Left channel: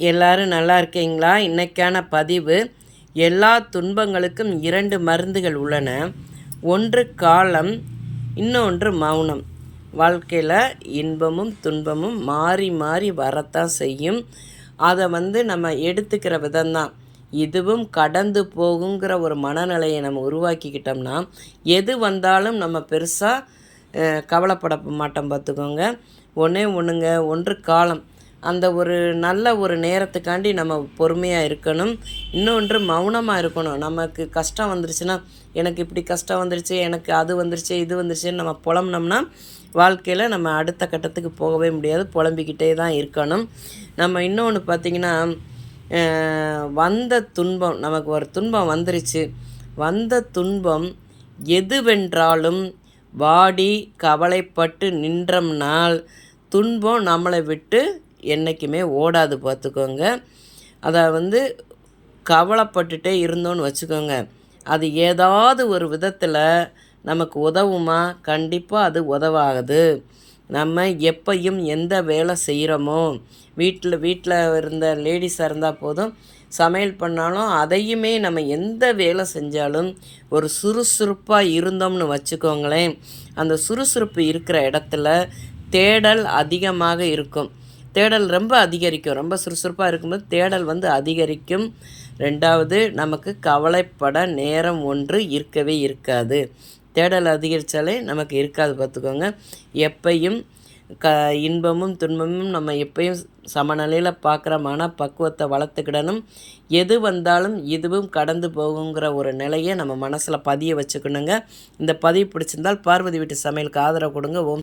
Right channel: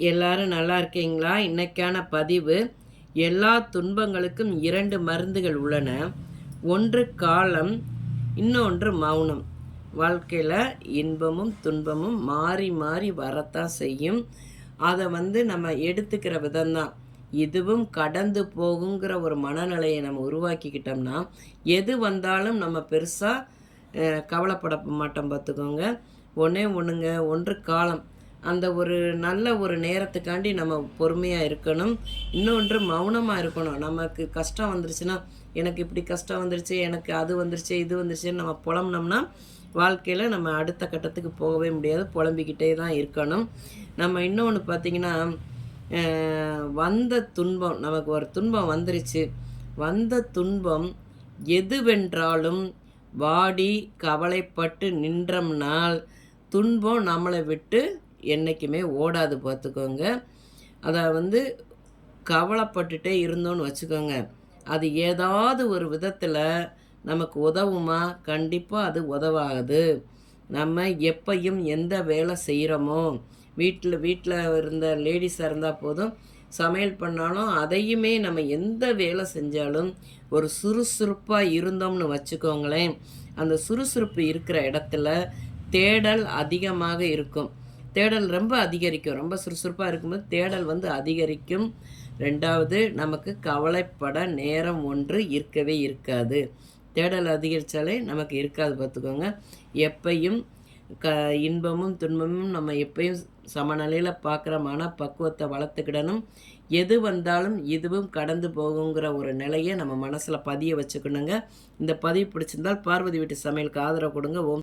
எல்லாரும் நல்லா இருக்கீங்களா? இன்னைக்கான பதிவு, எல்லா துன்பங்களுக்கும் 2 மருந்துகள் உள்ளன. ஒன்று காலம், இன்னொன்று மௌனம். வாழ்க்கையில் இன்பமும் துன்பமும் மாறி மாறி வரத்தான் செய்யும். அதை நம்ம எடுத்துக்கிற விதம்தான். இதுவும் கடந்து போகுங்கிற ஒரு மனநிலையை நம்ம உருவாக்கிக்கிட்டோம்னா, எது வந்தாலும் நம்ம பெருசாக கவலைப்பட மாட்டோம் பார்த்துக்கோங்க. ஒன்றுங்க, ஒன்று காலம். அந்த ஒரு நல்ல ஒரு நேரத்துக்காண்டி நம்ம பொறுமையாக இருக்கணும். இன்னொன்று மௌனமாக இருக்கணும். நமக்கு கஷ்டம் வந்துருச்சுன்னா, எனக்கு இப்படி கஷ்டம் வந்துருச்சு, எனக்கு அது வந்துருச்சு, இது வந்துருச்சுன்னு நம்ம புலம்புனோம்னா வாழ்க்கையில் நம்ம அடுத்த கட்டத்துக்கு போகவே முடியாது. புலம்பிக்கிட்டே தான் இருக்கணும். நம்ம இன்னொன்று பார்த்திங்கன்னா, வந்த துன்பம், நமக்கு ஒரு துன்பம் வந்துருச்சு. வந்த துன்பம் எதுவென்றாலும் வாடி கவலைப்பட்டு நின்றோம்னால் துன்பம் நம்மளை விட்டு என்றைக்குமே ஓடாது பார்த்துக்கோங்க. அதை கவலைப்பட்டுட்டே இருந்தோன்னு வச்சுக்கோங்க, அது ஏதாவது ஒரு விதத்தில் நமக்கு உதவுமா? கண்டிப்பாக அது உதவாது. நம்ம எப்பையும் எந்த வேலை செய்கிறோமோ, வீட்டில் இருந்த லேடிஸாக இருந்தால் போதும், சமையல் பண்ணாலும் அதையுமே நம்ம எந்த வேலை செஞ்சாலும் ஒரு சுறுசுறுப்பாக இருந்தோம்னு வச்சுக்கோங்களேன், அந்த சுறுசுறுப்பு இருக்கிற இடத்துல தேடல் அதிகமாக இருக்கும். தேடல் ரொம்ப அதிகரிக்கும். ரொம்ப சுறுசுறுப்பாக இருக்கும்போது தேடல் அதிகரிக்கும். 2வது, நமக்கு கவலைப்பட நேரம் ஒன்று இருக்கவே இருக்காது. தேடல் அதிகரித்தாலே நமக்கு இருக்காது பார்த்துக்கோங்க. எப்பையும் இன்பமும் துன்பமும் நம்ம எப்பயும் சமநிலையில் பார்க்குற பக்குவத்தை வளர்த்துக்கிடணும். எது வந்தாலும் இதுவும் கடந்து போகுங்கிற ஒரு நிலையை நம்ம மனசில் பதிய வச்சுக்கணுங்க. இந்த பதிவு பிடிச்சிருந்தால் பார்வதி வீட்டு சமையலுக்கு ஆதரவு கொடுங்க.